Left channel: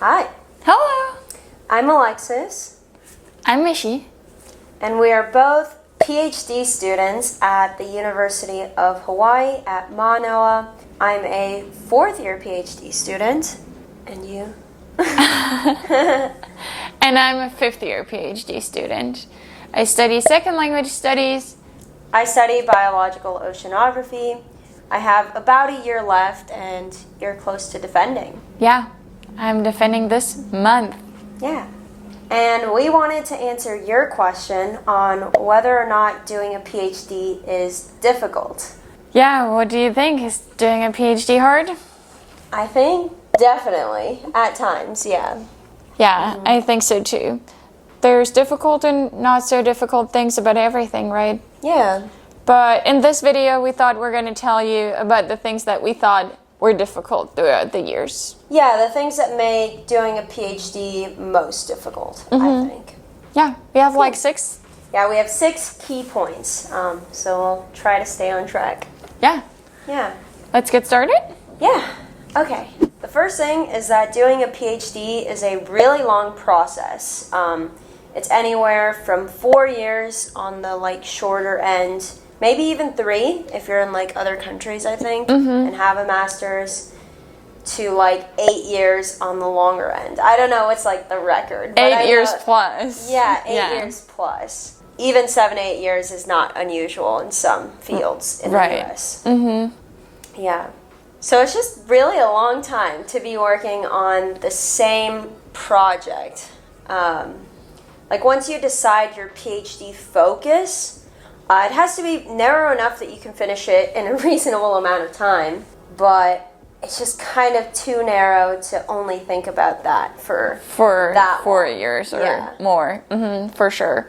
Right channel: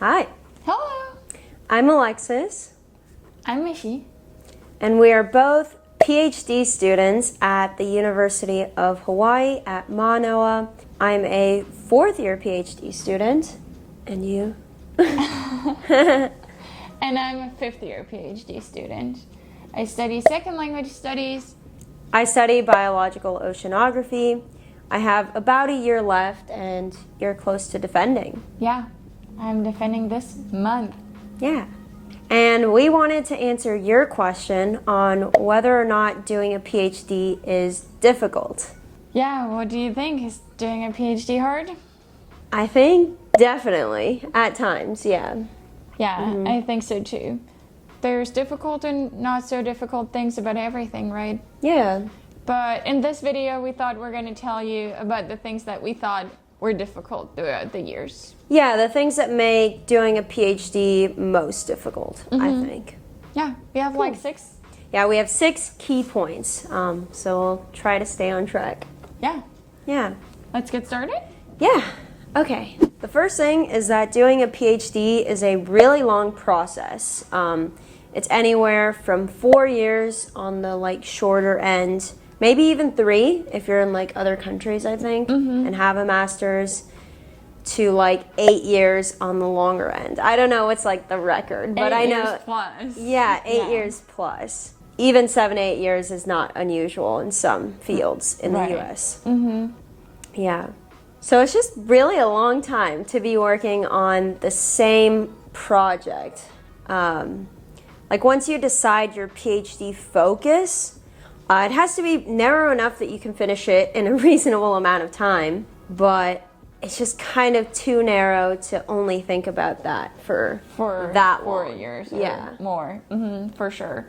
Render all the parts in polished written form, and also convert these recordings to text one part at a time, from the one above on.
Hi, Hello. I'm Alexus, I'm Michi. and we are both PhD students at the University of Hawai'i at Mānoa. I'm a fourth-year PhD student, and you? And I'm a fifth-year PhD student. I study second language studies. I study Biological Oceanography. I have about a year left, and you're close to defending. Yeah, I'm defending this month. Yeah. And we wanted to answer your question on whether or not doing a PhD is difficult. Yeah, what do you think? Is doing a PhD hard? I think definitely, at times, yeah. Yeah, I think so too. There's difficult and not so difficult things about everything, right? Yeah. But in this video, we thought we're going to tell you about the things that we thought were difficult throughout the years. Yeah, the things that make doing a PhD most difficult, I think. Yeah, we have like 6. Yeah, we have 6 key points, so we'll try to stay on track. Yeah, Yeah. let's get started. Yeah. Okay. The first thing is that doing a PhD is a really long process. It's anywhere from 4 years on the shorter end, maybe even 3 if you're in other countries, I think, and have a master's, to 8 years on the longer end. I don't know what's the record, but 8 years plus. Yeah, 8 years plus. Even 7, 8 years is not unusual in some fields in the US. Yeah. So it's just really a long time to be working on the same project. Once you decide your PhD focus, it has to be narrow enough that you can finish it in a reasonable amount of time, but it's just kind of too narrow to only think about that for that 4 long. years or more, for sure.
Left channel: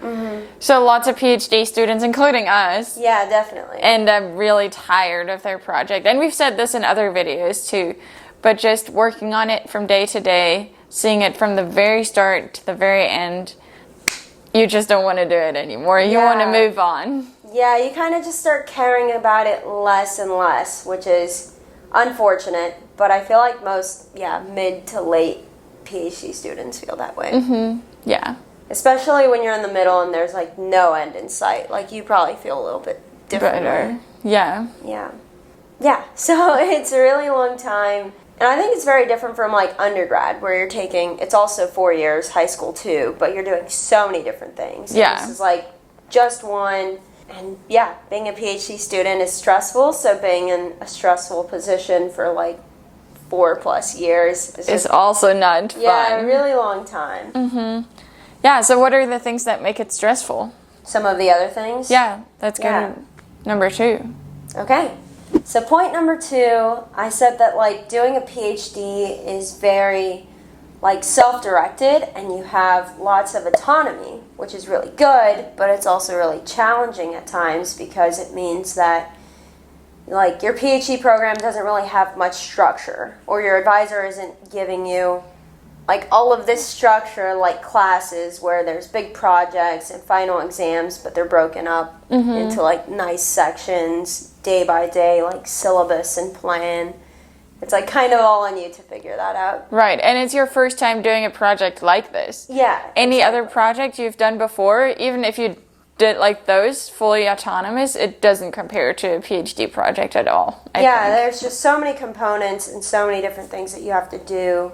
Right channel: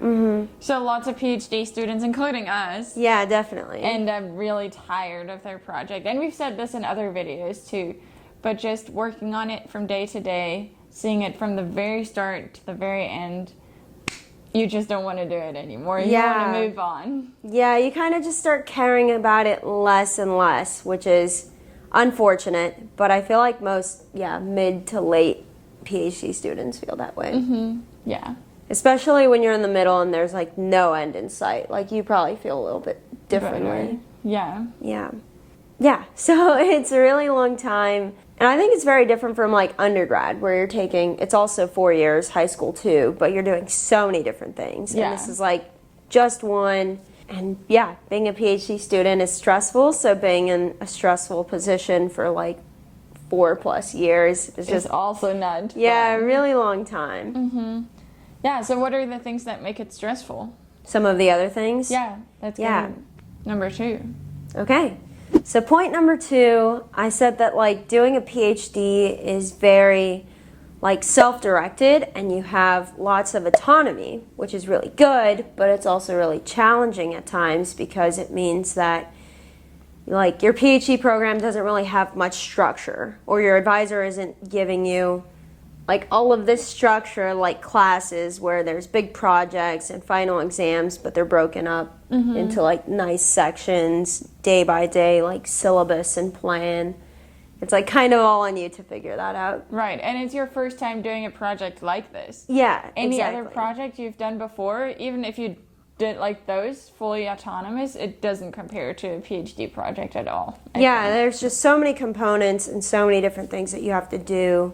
So lots of PhD students, including us, Yeah, definitely. end up really tired of their project. And we've said this in other videos too, but just working on it from day to day, seeing it from the very start to the very end, you just don't want to do it anymore. You want to move on. Yeah, you kind of just start caring about it less and less, which is unfortunate, but I feel like most, mid to late PhD students feel that way. Yeah. Especially when you're in the middle and there's no end in sight. You probably feel a little bit different. Better. Yeah. Yeah. Yeah, so it's a really long time. And I think it's very different from undergrad, where you're taking, it's also 4 years, high school too, but you're doing so many different things. Yeah. And this is just one. And yeah, being a PhD student is stressful, so being in a stressful position for 4+ years is It's also not fun. yeah, a really long time. Yeah, so what are the things that make it stressful? Some of the other things? Yeah, that's good. Yeah. Number 2. Okay. So point number 2, I said that doing a PhD is very self-directed, and you have lots of autonomy, which is really good, but it's also really challenging at times because it means that your PhD program doesn't really have much structure, or your advisor isn't giving you all of this structure classes where there's big projects and final exams, but they're broken up into nice sections, day by day, syllabus and plan. It's kind of all on you to figure that out. Right, and it's your first time doing a project like this. Yeah. Any exactly. other project you've done before, even if you did those fully autonomous, it doesn't compare to a PhD project at all. I think. There's just so many components and so many different things that you have to do.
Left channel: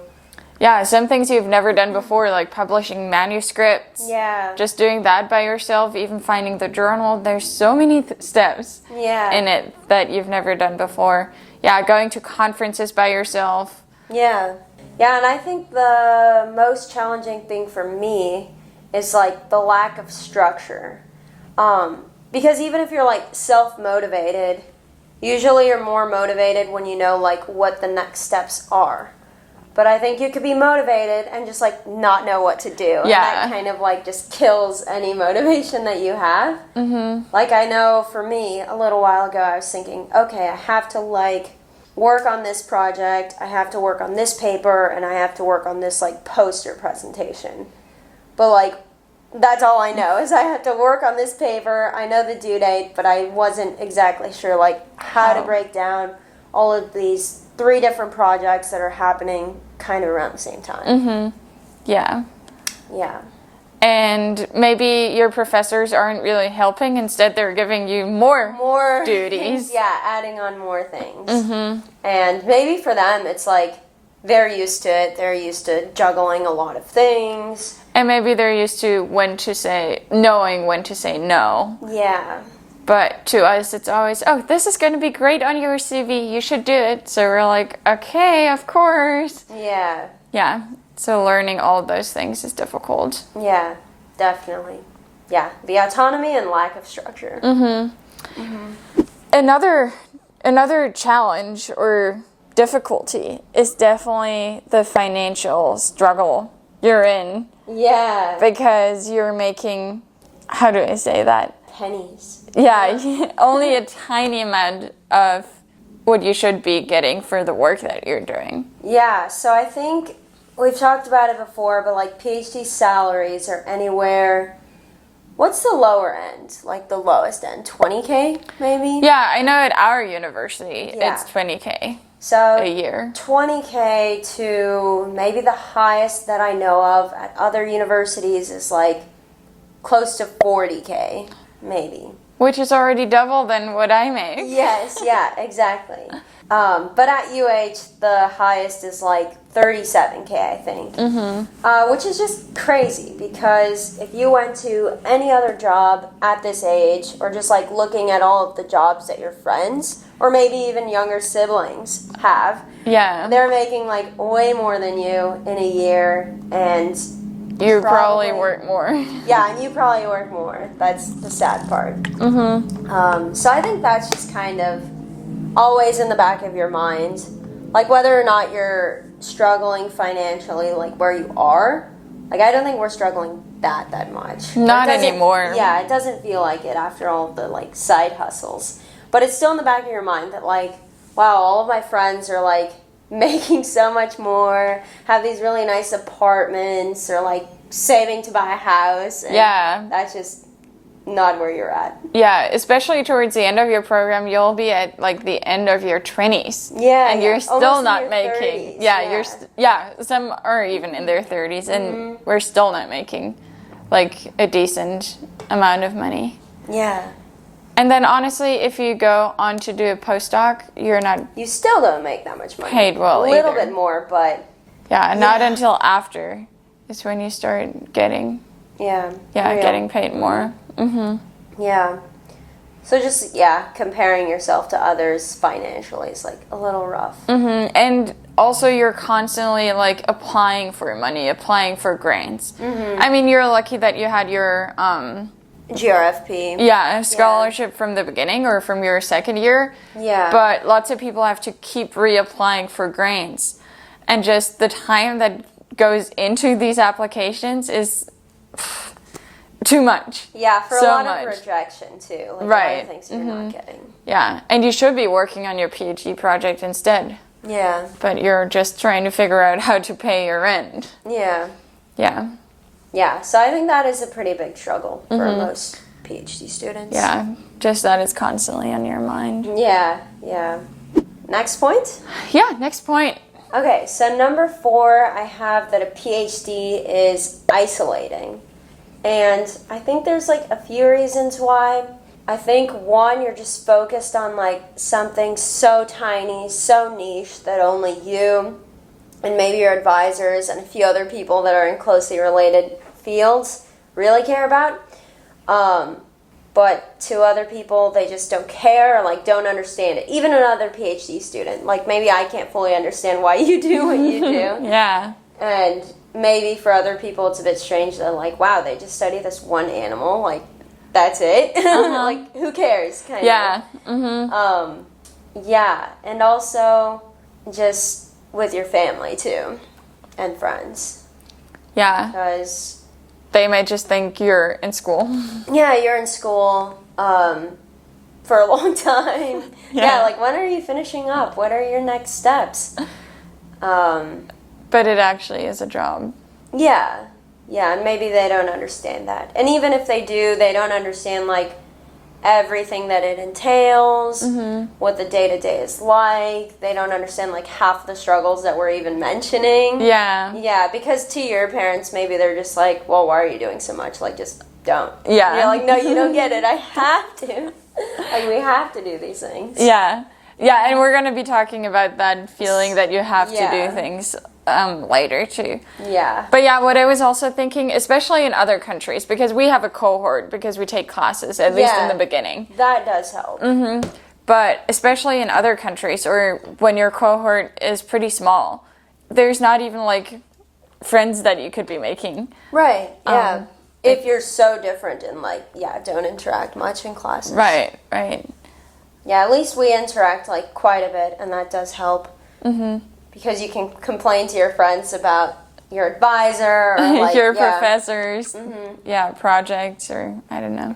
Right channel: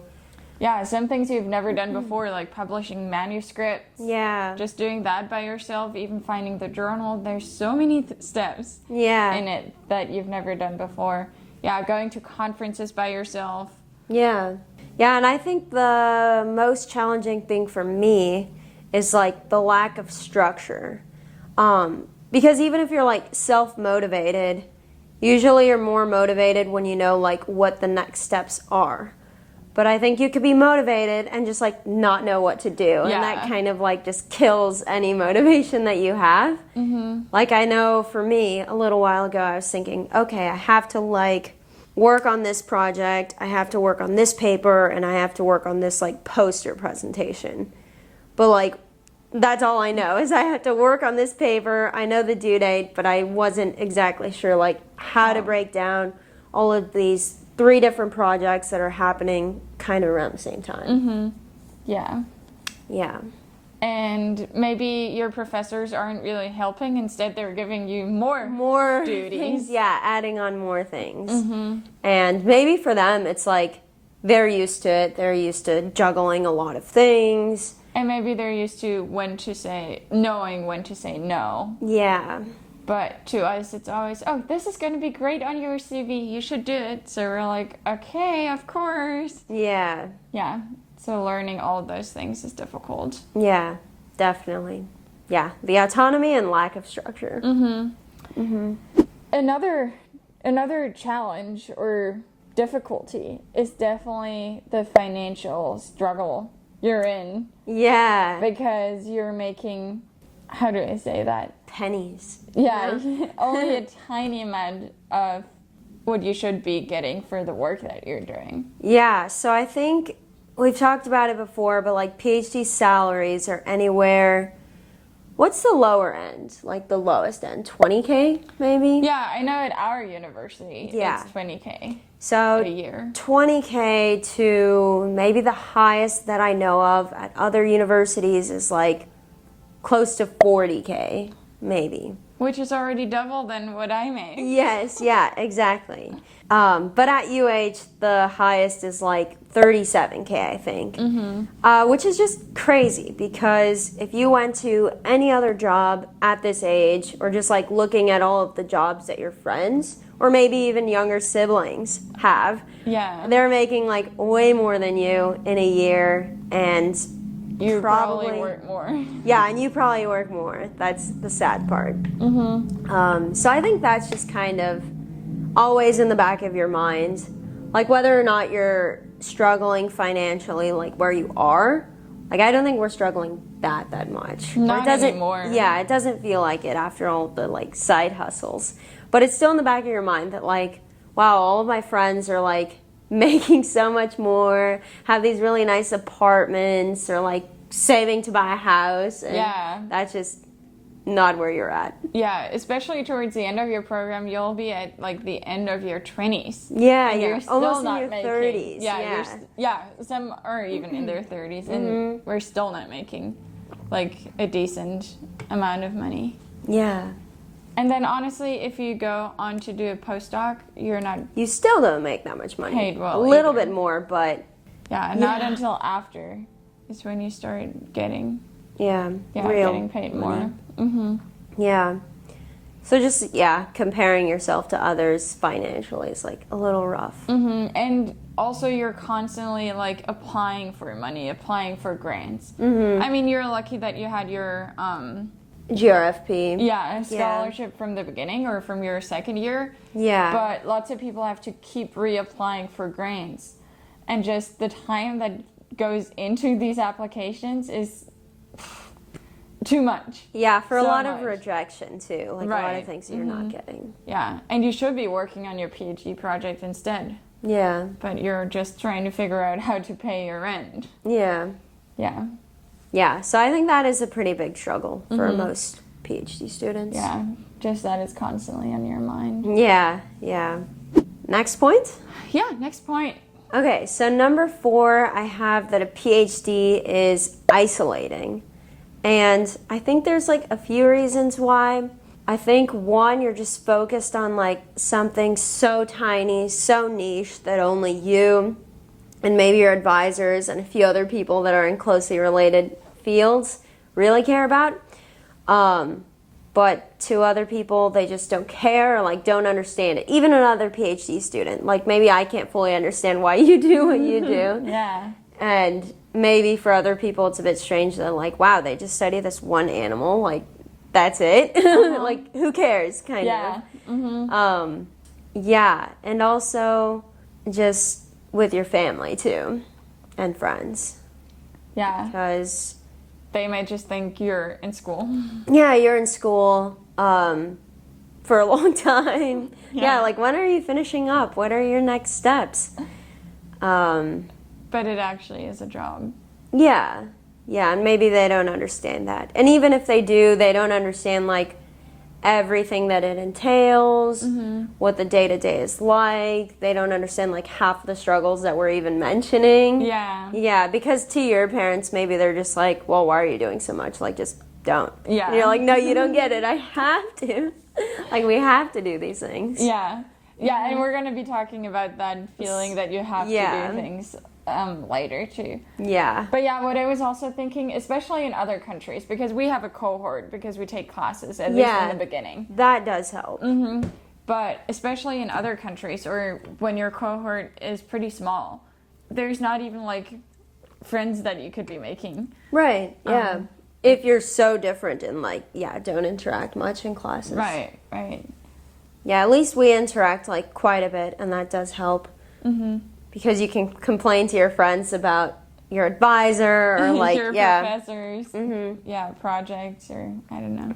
Yeah, some things you've never done before, like publishing manuscripts. Yeah. Just doing that by yourself, even finding the journal. There's so many steps in it that you've never done before. Yeah, going to conferences by yourself. Yeah. Yeah, and I think the most challenging thing for me is the lack of structure. Because even if you're self-motivated, usually you're more motivated when you know what the next steps are. But I think you could be motivated and just not know what to do. And that kind of just kills any motivation that you have. I know for me, a little while ago, I was thinking, okay, I have to work on this project, I have to work on this paper, and I have to work on this poster presentation. But that's all I know is I have to work on this paper. I know the due date, but I wasn't exactly sure how to break down all of these 3 different projects that are happening kind of around the same time. Yeah. Yeah. And maybe your professors aren't really helping. Instead, they're giving you more duties. Yeah, adding on more things. And maybe for them, it's like they're used to it. They're used to juggling a lot of things. And maybe they're used to knowing when to say no. Yeah. But to us, it's always, oh, this is going to be great on your CV. You should do it. So we're like, okay, of course. Yeah. Yeah. So learning all of those things is difficult. Yeah, definitely. Yeah, the autonomy and lack of structure. Another challenge or difficulty is definitely the financial struggle you're in. Yeah. Because you're making, how do I say that? Pennies. Yeah, only a tiny amount of what you should be getting for the work that you're doing. Yeah, so I think we've talked about it before, but like PhD salaries are anywhere. What's the lower end? Like the lowest end? 20K maybe? Yeah, I know at our university Yeah. it's 20K So a year. 20K to maybe the highest that I know of at other universities is like close to 40K maybe. Which is already double than what I make. Yes, yeah, exactly. But at UH, the highest is like 37K, I think. Which is just crazy because if you went to any other job at this age, or just like looking at all of the jobs that your friends, or maybe even younger siblings have, Yeah. they're making like way more than you in a year, and You probably work more. yeah, and you probably work more. That's the sad part. So I think that's just kind of always in the back of your mind. Like whether or not you're struggling financially, like where you are. Like I don't think we're struggling that much. Not It doesn't- anymore. Yeah, it doesn't feel like it after all the like side hustles. But it's still in the back of your mind that like, wow, all of my friends are like making so much more, have these really nice apartments, or like saving to buy a house. And Yeah. that's just not where you're at. Yeah, especially towards the end of your program, you'll be at like the end of your 20s. Yeah, and yeah. you're still Almost in not your making. 30s, Yeah, yeah. some are even in their 30s, and we're still not making like a decent amount of money. Yeah. And then honestly, if you go on to do a postdoc, you're not. You still don't make that much money. Paid well A little either. bit more, but Not until after is when you start getting yeah. real. getting paid more. Yeah. So just, comparing yourself to others financially is like a little rough. And also you're constantly like applying for money, applying for grants. I mean, you're lucky that you had your GRFP. scholarship from the beginning or from your second year. Yeah. But lots of people have to keep reapplying for grants. And just the time that goes into these applications is too much. Yeah, for So a lot much. of rejection too. Like Right. a lot of things you're not getting. Yeah, and you should be working on your PhD project instead. Yeah. But you're just trying to figure out how to pay your rent. Yeah. Yeah. Yeah. So I think that is a pretty big struggle for most PhD students. Yeah. Just that is constantly on your mind. Yeah. Yeah. Next point? Yeah, next point. Okay, so number 4, I have that a PhD is isolating. And I think there's like a few reasons why. I think one, you're just focused on like something so tiny, so niche that only you and maybe your advisors and a few other people that are in closely related fields really care about. But to other people, they just don't care or like don't understand it. Even another PhD student, like maybe I can't fully understand why you do what you do. Yeah. And maybe for other people, it's a bit strange. They're like, wow, they just study this one animal. Like, that's it. Like, who cares? Kind Yeah. of. Yeah. And also just with your family, too. And friends. Yeah. Because, They might just think you're in school. yeah, you're in school for a long time. Yeah, like, when are you finishing up? What are your next steps? But it actually is a job. Yeah, and maybe they don't understand that. And even if they do, they don't understand, like, everything that it entails, what the day-to-day is like. They don't understand like half the struggles that we're even mentioning. Yeah, because to your parents, maybe they're just like, well, why are you doing so much? Like, just don't. Yeah. And you're like, no, you don't get it. I have to. Like, we have to do these things. Yeah, and we're going to be talking about that feeling that you have to do things later too. Yeah. But yeah, what I was also thinking, especially in other countries, because we have a cohort because we take classes, at least in the beginning. That does help. But especially in other countries, or when your cohort is pretty small, there's not even like friends that you could be making. Right, yeah. If you're so different and like, don't interact much in classes. Right. Yeah, at least we interact like quite a bit, and that does help. Because you can complain to your friends about your advisor or like your professors, projects, or I don't know.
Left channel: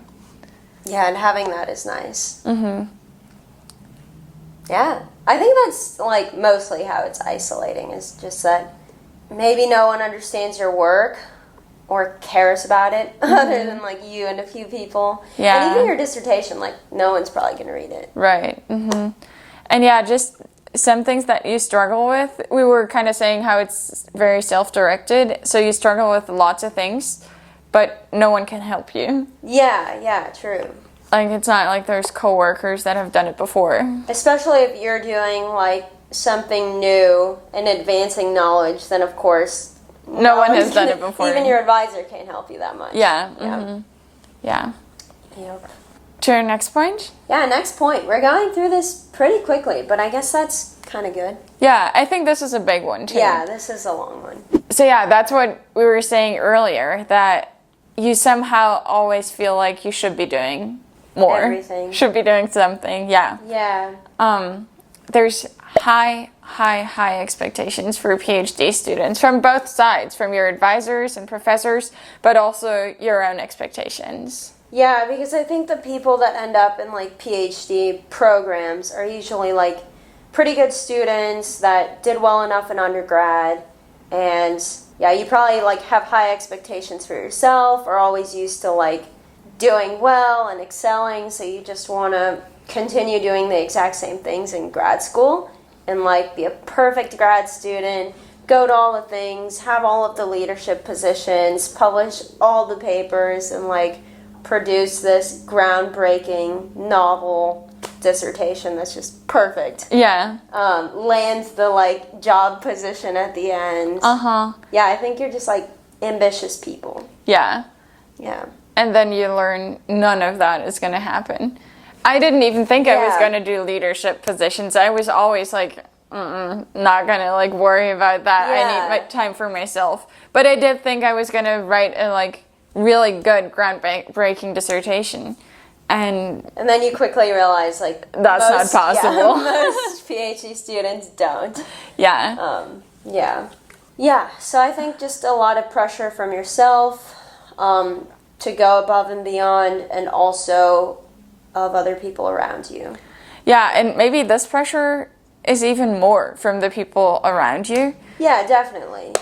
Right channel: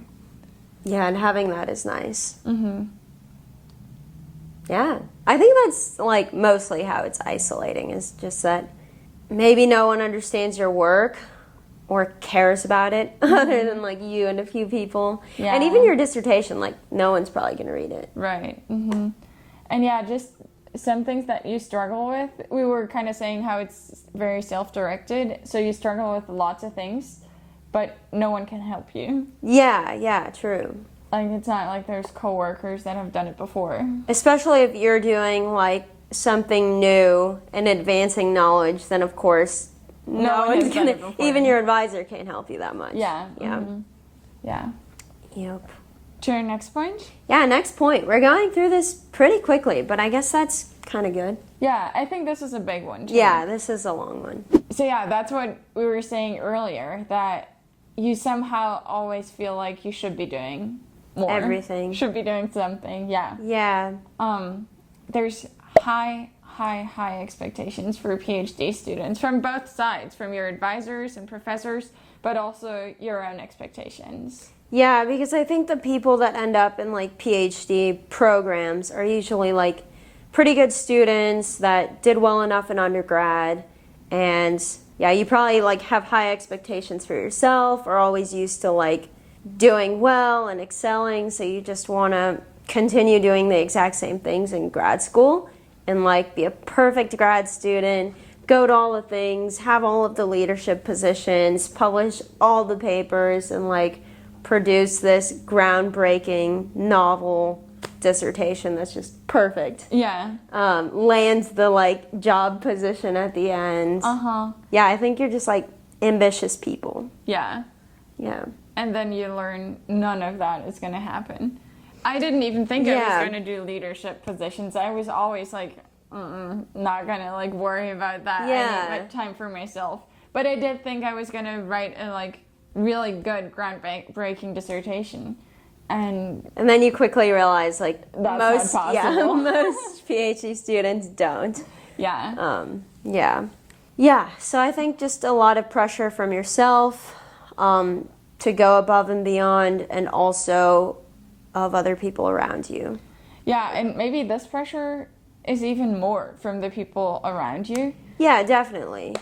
Yeah, and having that is nice. Yeah, I think that's like mostly how it's isolating, is just that maybe no one understands your work or cares about it other than like you and a few people. Yeah. And even your dissertation, like no one's probably going to read it. Right. And yeah, just some things that you struggle with. We were kind of saying how it's very self-directed, so you struggle with lots of things, but no one can help you. Yeah, true. Like, it's not like there's coworkers that have done it before. Especially if you're doing like something new and advancing knowledge, then of course no one has done it before. Even your advisor can't help you that much. Yeah. Yep. To our next point? Yeah, next point. We're going through this pretty quickly, but I guess that's kind of good. Yeah, I think this is a big one, too. Yeah, this is a long one. So yeah, that's what we were saying earlier, that you somehow always feel like you should be doing more. Everything. Should be doing something, yeah. Yeah. There's high expectations for PhD students from both sides, from your advisors and professors, but also your own expectations. Yeah, because I think the people that end up in like PhD programs are usually like pretty good students that did well enough in undergrad, and yeah, you probably like have high expectations for yourself, or always used to like doing well and excelling, so you just want to continue doing the exact same things in grad school and like be a perfect grad student, go to all the things, have all of the leadership positions, publish all the papers, and like produce this groundbreaking novel dissertation that's just perfect. Yeah. Land the like job position at the end. Yeah, I think you're just like ambitious people. Yeah. And then you learn none of that is going to happen. I didn't even think I was going to do leadership positions. I was always like, not going to like worry about that. I need my time for myself. But I did think I was going to write a like really good groundbreaking dissertation. And then you quickly realize like that's not possible. Most PhD students don't. Yeah. So I think just a lot of pressure from yourself to go above and beyond, and also of other people around you. Yeah, and maybe this pressure is even more from the people around you. Yeah, definitely.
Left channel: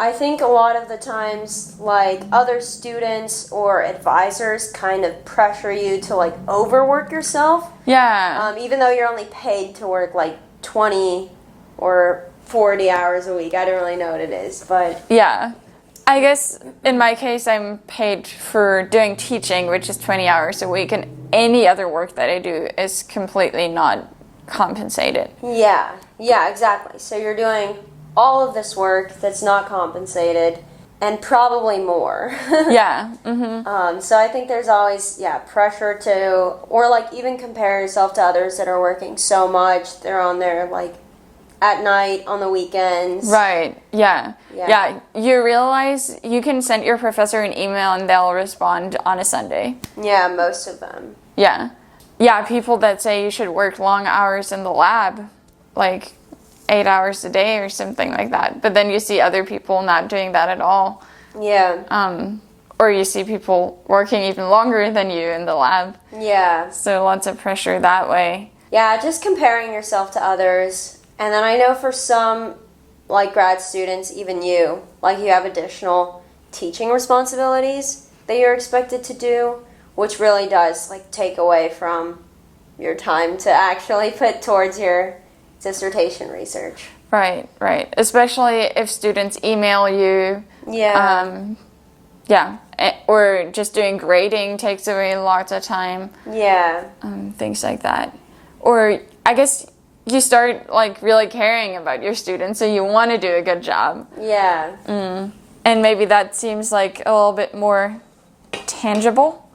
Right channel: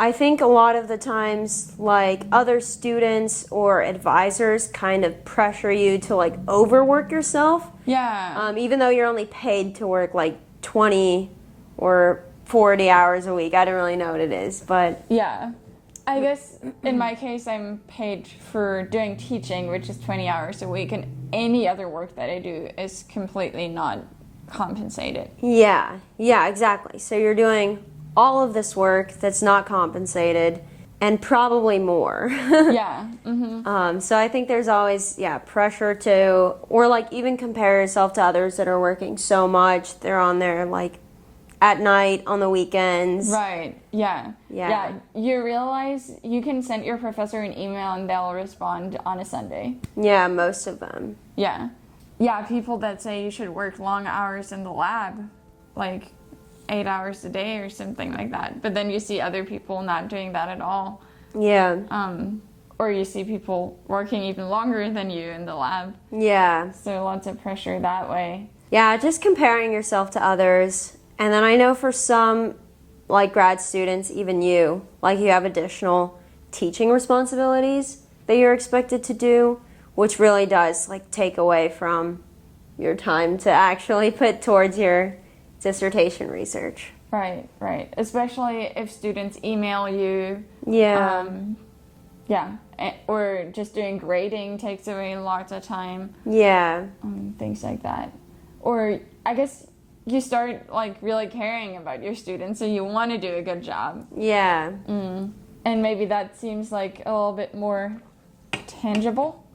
I think a lot of the times, like, other students or advisors kind of pressure you to, like, overwork yourself. Yeah. Even though you're only paid to work, like, 20 or 40 hours a week. I don't really know what it is, but... Yeah. I guess, in my case, I'm paid for doing teaching, which is 20 hours a week, and any other work that I do is completely not compensated. Yeah, exactly. So you're doing all of this work that's not compensated, and probably more. Yeah. So I think there's always, pressure to, or like even compare yourself to others that are working so much. They're on there like at night, on the weekends. Right, yeah. You realize you can send your professor an email and they'll respond on a Sunday. Yeah, most of them. Yeah, people that say you should work long hours in the lab, like 8 hours a day or something like that. But then you see other people not doing that at all. Yeah. Or you see people working even longer than you in the lab. Yeah. So lots of pressure that way. Yeah, just comparing yourself to others. And then I know for some, like grad students, even you, like you have additional teaching responsibilities that you're expected to do, which really does like take away from your time to actually put towards your dissertation research. Right, right. Especially if students email you. Yeah. Yeah. Or just doing grading takes away lots of time. Yeah. Things like that. Or I guess you start like really caring about your students, so you want to do a good job. Yeah. And maybe that seems like a little bit more tangible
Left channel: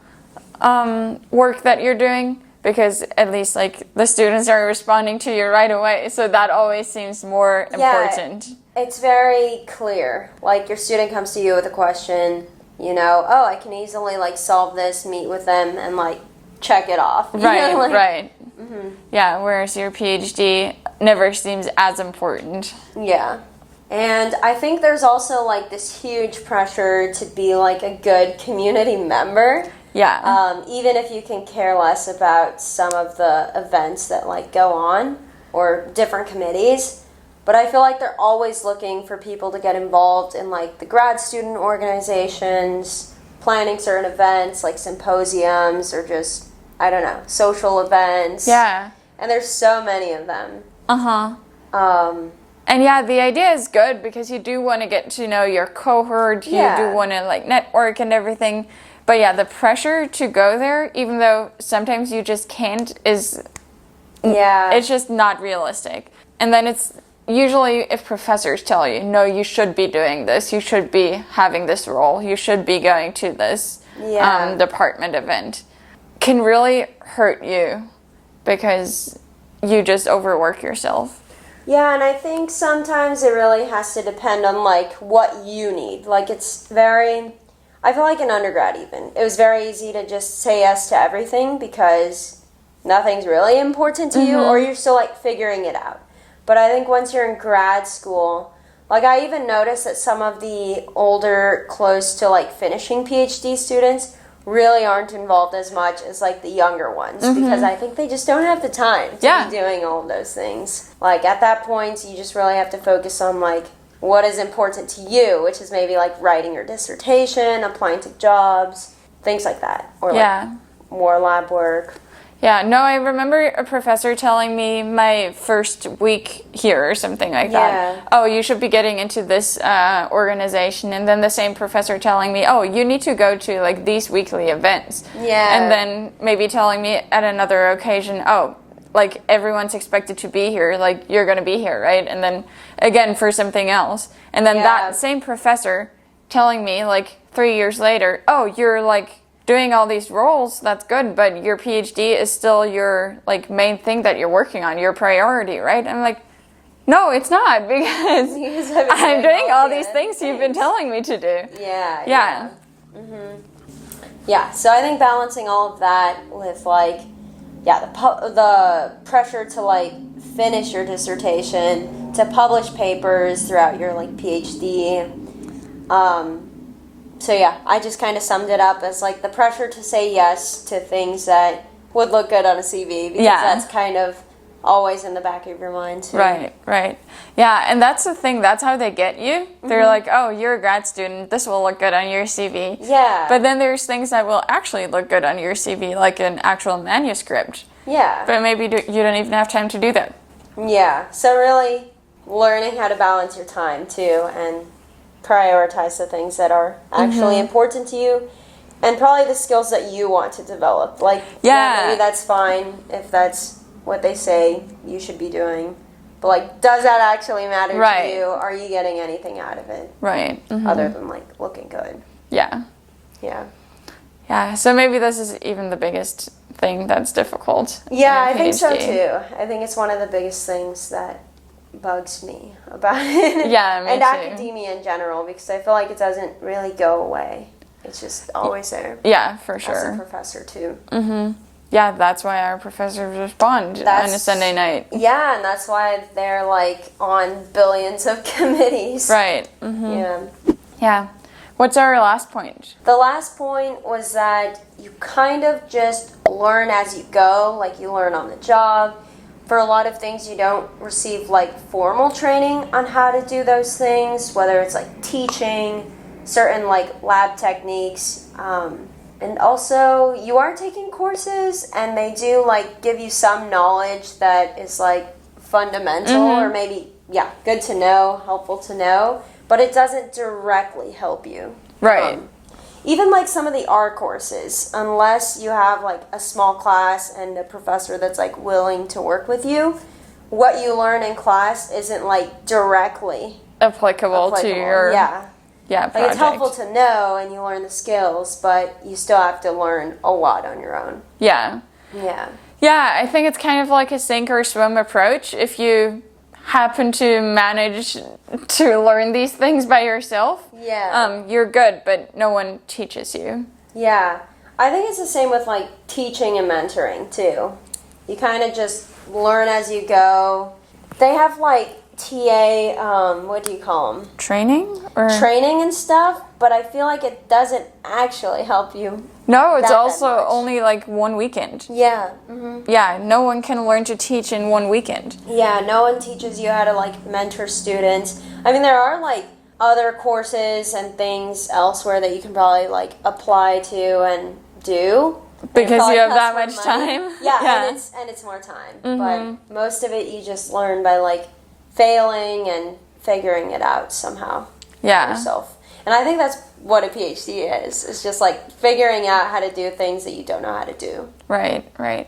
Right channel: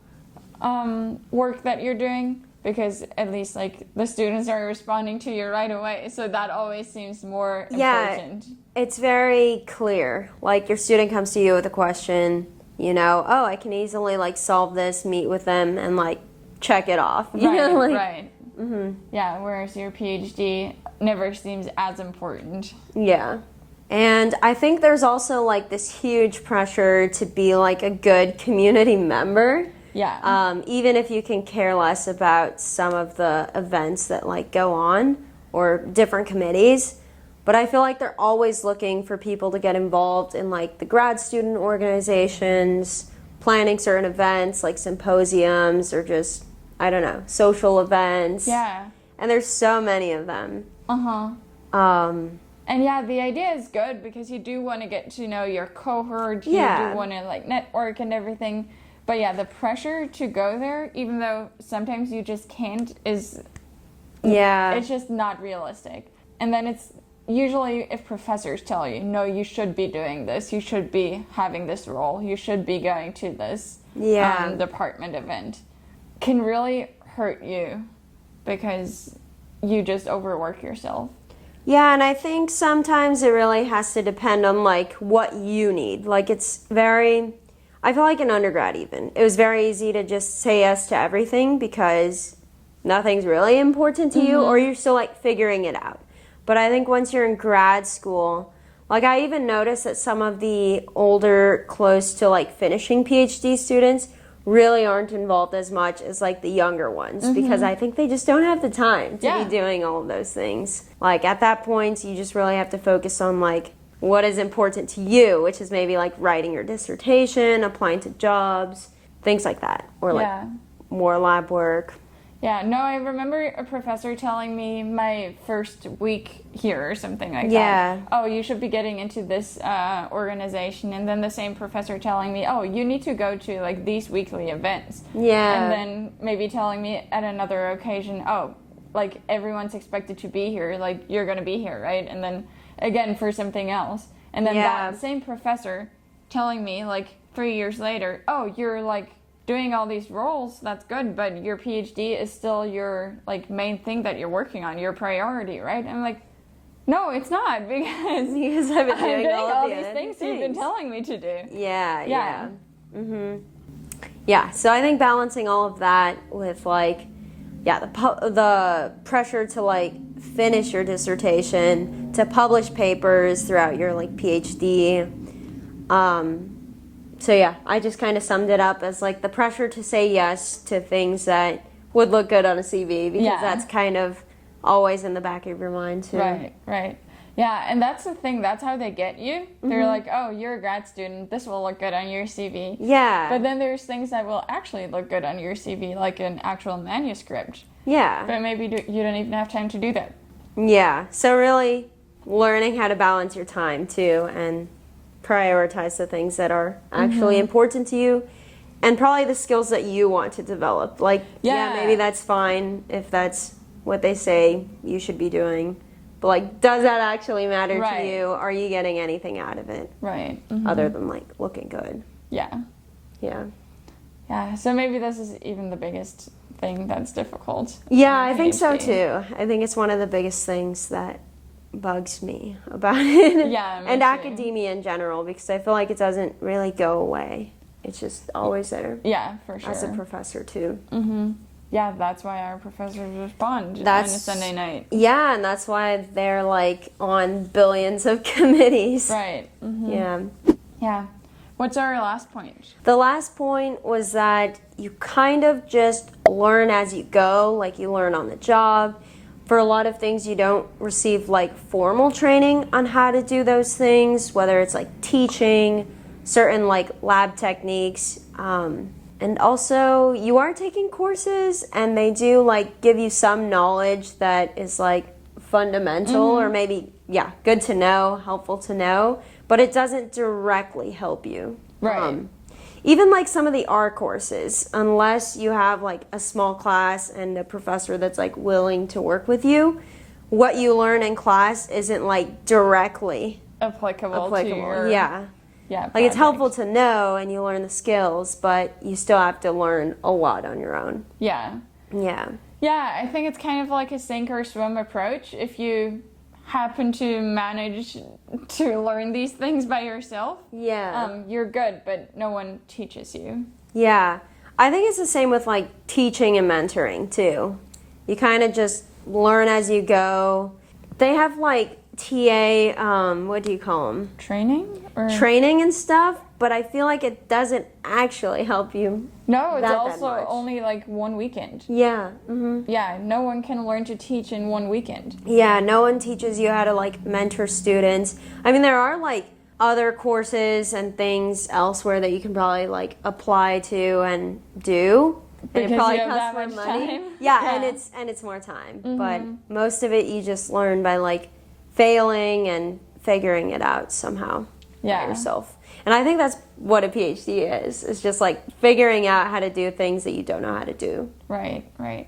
work that you're doing, because at least like the students are responding to you right away, so that always seems more important. It's very clear. Like your student comes to you with a question, you know, oh, I can easily like solve this, meet with them, and like check it off. Right, like, right. Yeah, whereas your PhD never seems as important. Yeah. And I think there's also like this huge pressure to be like a good community member. Yeah. Even if you can care less about some of the events that like go on or different committees. But I feel like they're always looking for people to get involved in like the grad student organizations, planning certain events like symposiums or just, I don't know, social events. Yeah. And there's so many of them. And yeah, the idea is good because you do want to get to know your cohort. You do want to like network and everything. But yeah, the pressure to go there, even though sometimes you just can't, it's just not realistic. And then it's usually if professors tell you, no, you should be doing this, you should be having this role, you should be going to this department event, can really hurt you because you just overwork yourself. Yeah, and I think sometimes it really has to depend on like what you need. Like it's very, I feel like in undergrad even, it was very easy to just say yes to everything because nothing's really important to you, or you're still like figuring it out. But I think once you're in grad school, like I even noticed that some of the older, close to like finishing PhD students really aren't involved as much as like the younger ones, because I think they just don't have the time to be doing all of those things. Like at that point, you just really have to focus on like what is important to you, which is maybe like writing your dissertation, applying to jobs, things like that, or like more lab work. Yeah, no, I remember a professor telling me my first week here or something like that. Oh, you should be getting into this organization. And then the same professor telling me, oh, you need to go to like these weekly events. Yeah. And then maybe telling me at another occasion, oh, like everyone's expected to be here, like you're going to be here, right? And then again for something else. And then that same professor telling me like 3 years later, oh, you're like doing all these roles, that's good, but your PhD is still your like main thing that you're working on, your priority, right? I'm like, no, it's not, because I'm doing all these things you've been telling me to do. Yeah, so I think balancing all of that with like, the pressure to like finish your dissertation, to publish papers throughout your like PhD. So yeah, I just kind of summed it up as like the pressure to say yes to things that would look good on a CV, because that's kind of always in the back of your mind too. Right. Yeah, and that's the thing, that's how they get you. They're like, oh, you're a grad student, this will look good on your CV. Yeah. But then there's things that will actually look good on your CV, like an actual manuscript. Yeah. But maybe you don't even have time to do that. Yeah, so really learning how to balance your time too, and prioritize the things that are actually important to you, and probably the skills that you want to develop. Like, maybe that's fine if that's what they say you should be doing, but like, does that actually matter to you? Are you getting anything out of it? Right. Other than like looking good. Yeah. So maybe this is even the biggest thing that's difficult. Yeah, I think so too. I think it's one of the biggest things that bugs me about it. Yeah, me and too. Academia in general, because I feel like it doesn't really go away. It's just always there. Yeah, for sure. As a professor too. Yeah, that's why our professors respond on a Sunday night. Yeah, and that's why they're like on billions of committees. Right. Yeah. What's our last point? The last point was that you kind of just learn as you go, like you learn on the job. For a lot of things, you don't receive like formal training on how to do those things, whether it's like teaching, certain like lab techniques. And also, you are taking courses, and they do, like, give you some knowledge that is, like, fundamental or maybe, good to know, helpful to know, but it doesn't directly help you. Right. Even, like, some of the R courses, unless you have, like, a small class and a professor that's, like, willing to work with you, what you learn in class isn't, like, directly applicable to your... Yeah, project. like, it's helpful to know, and you learn the skills, but you still have to learn a lot on your own. Yeah, I think it's kind of like a sink or swim approach. If you happen to manage to learn these things by yourself, you're good, but no one teaches you. Yeah, I think it's the same with, like, teaching and mentoring, too. You kind of just learn as you go. They have, like, TA, what do you call them? Training? Training and stuff, but I feel like it doesn't actually help you. No, it's that also much. only like 1 weekend. Yeah. Yeah, no one can learn to teach in 1 weekend. Yeah, no one teaches you how to, like, mentor students. I mean, there are, like, other courses and things elsewhere that you can probably, like, apply to and do. Because you have that much time. Yeah. And it's more time. But most of it you just learn by, like, failing and figuring it out somehow yourself. And I think that's what a PhD is. It's just, like, figuring out how to do things that you don't know how to do. Right.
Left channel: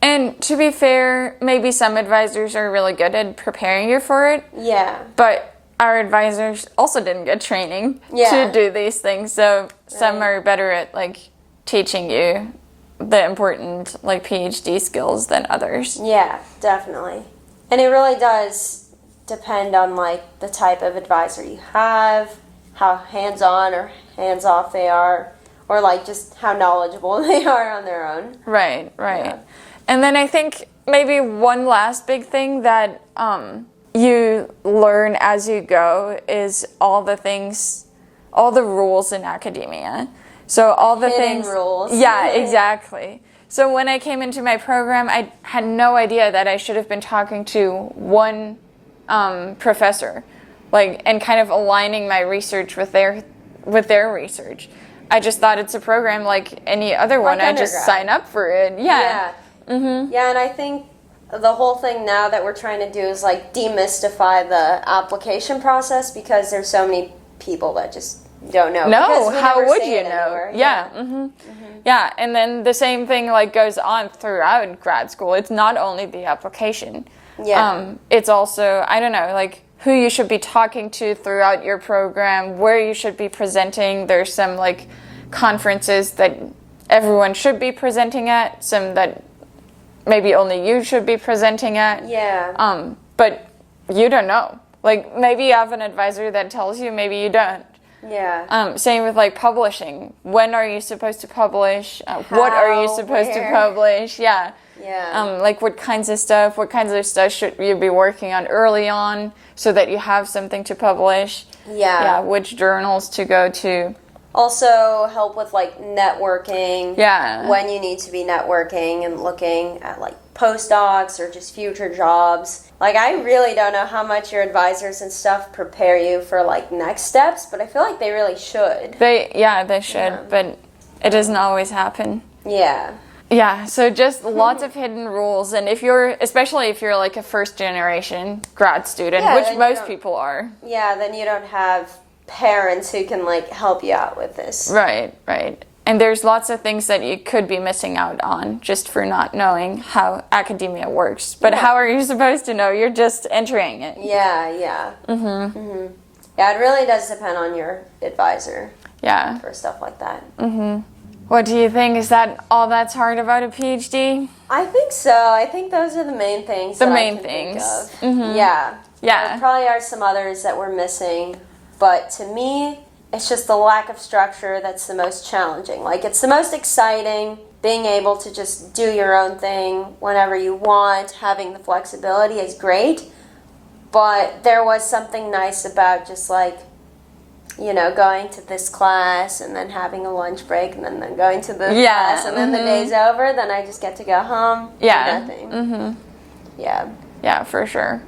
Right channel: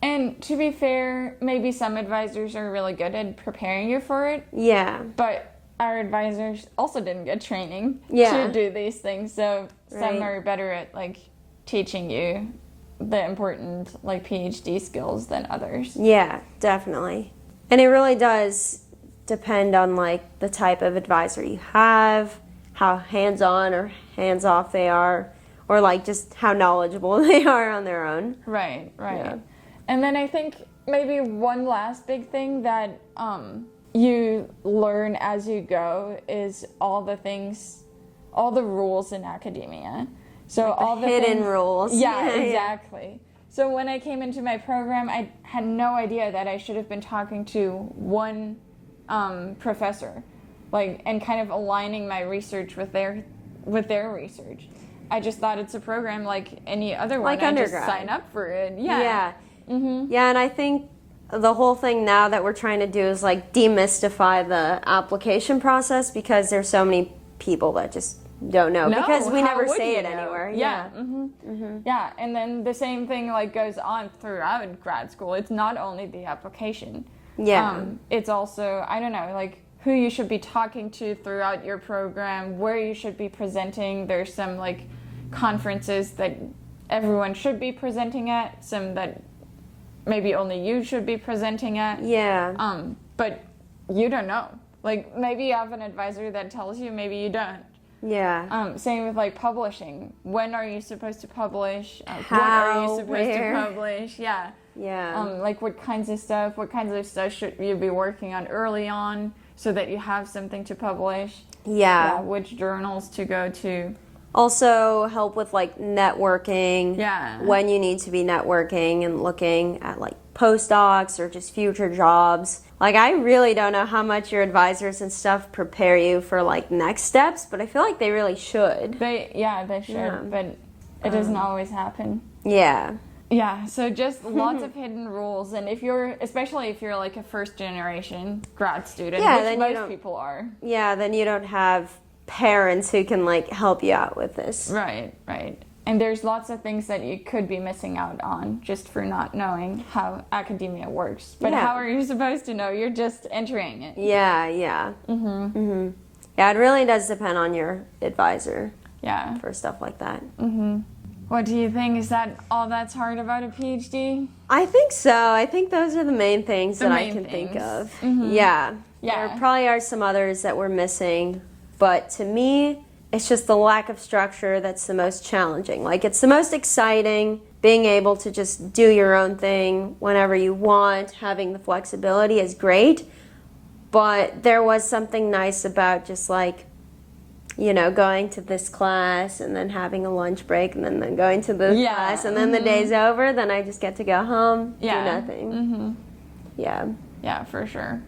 And to be fair, maybe some advisors are really good at preparing you for it. Yeah. But our advisors also didn't get training to do these things. So some are better at, like, teaching you the important, like, PhD skills than others. Yeah, definitely. And it really does depend on, like, the type of advisor you have, how hands-on or hands-off they are, or, like, just how knowledgeable they are on their own. Right. Yeah. And then I think maybe one last big thing that you learn as you go is all the rules in academia. So all the hidden things, rules. Yeah, exactly. So when I came into my program, I had no idea that I should have been talking to one professor, like, and kind of aligning my research with their research. I just thought it's a program like any other one. I just sign up for it. Yeah. Yeah, and I think the whole thing now that we're trying to do is, like, demystify the application process, because there's so many people that just don't know. No, we how never would say you it know? anywhere. Yeah, and then the same thing, like, goes on throughout grad school. It's not only the application. It's also, I don't know, like, who you should be talking to throughout your program, where you should be presenting. There's some, like, conferences that everyone should be presenting at, some that maybe only you should be presenting at. Yeah. But you don't know. Like, maybe you have an advisor that tells you, maybe you don't. Yeah. Same with, like, publishing. When are you supposed to publish? What are you supposed to publish? Yeah. Like, what kinds of stuff should you be working on early on so that you have something to publish? Yeah, which journals to go to. Also help with, like, networking. Yeah. When you need to be networking and looking at, like, postdocs or just future jobs. Like, I really don't know how much your advisors and stuff prepare you for, like, next steps, but I feel like they really should. They should, but it doesn't always happen. Yeah. Yeah, so just lots of hidden rules, and especially if you're like a first generation grad student, which most people are. Yeah, then you don't have parents who can, like, help you out with this. Right. And there's lots of things that you could be missing out on just for not knowing how academia works. But how are you supposed to know? You're just entering it. Yeah. Yeah, it really does depend on your advisor. Yeah. For stuff like that. What do you think? Is that all that's hard about a PhD? I think so. I think those are the main things I can think of. Yeah. There probably are some others that we're missing, but to me, it's just the lack of structure that's the most challenging. Like, it's the most exciting, being able to just do your own thing whenever you want, having the flexibility is great, but there was something nice about just, like, you know, going to this class and then having a lunch break and then going to this class and then the day's over, then I just get to go home, do nothing. Yeah, for sure.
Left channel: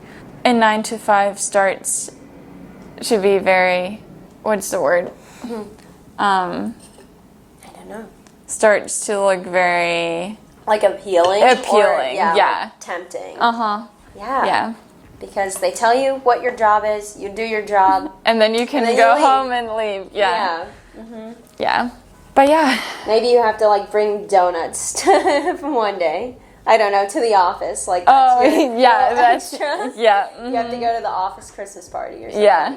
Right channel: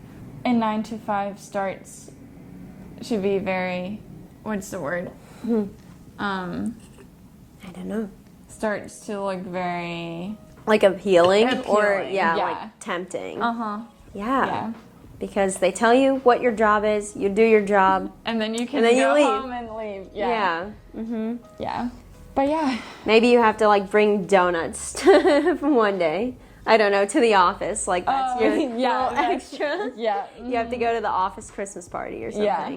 And 9 to 5 starts to be very, what's the word? I don't know. starts to look very Like appealing? Or, Appealing, yeah. Like tempting. Yeah. Yeah. Because they tell you what your job is, you do your job. And then you can And then go you leave. home and leave. Yeah. Yeah. But yeah. Maybe you have to like bring donuts one day. I don't know, to the office. Like that's your yeah, little that's extra. yeah. You have to go to the office Christmas party or something. Yeah.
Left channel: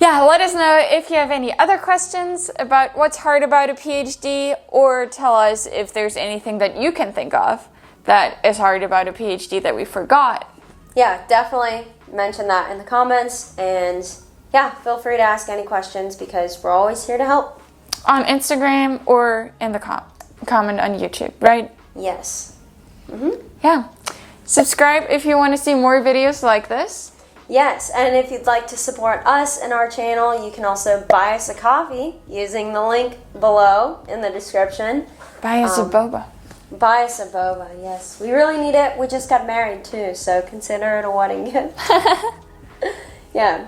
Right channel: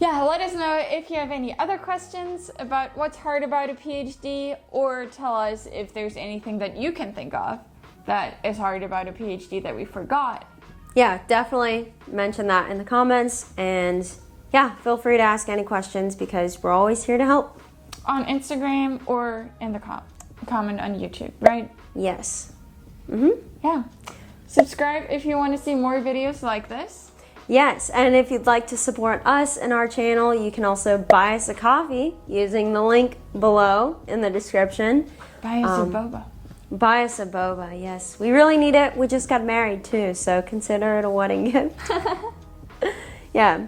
Yeah, let us know if you have any other questions about what's hard about a PhD, or tell us if there's anything that you can think of that is hard about a PhD that we forgot. Yeah, definitely mention that in the comments. And yeah, feel free to ask any questions because we're always here to help. On Instagram or in the comment on YouTube, right? Yes. Yeah. Subscribe if you want to see more videos like this. Yes, and if you'd like to support us and our channel, you can also buy us a coffee using the link below in the description. Buy us a boba. Buy us a boba, yes. We really need it. We just got married too, so consider it a wedding gift. Yeah,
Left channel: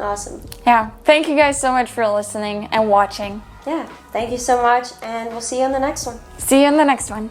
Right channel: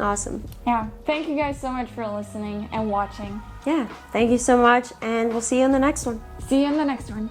awesome. Yeah. Thank you guys so much for listening and watching. Yeah, thank you so much, and we'll see you in the next one. See you in the next one.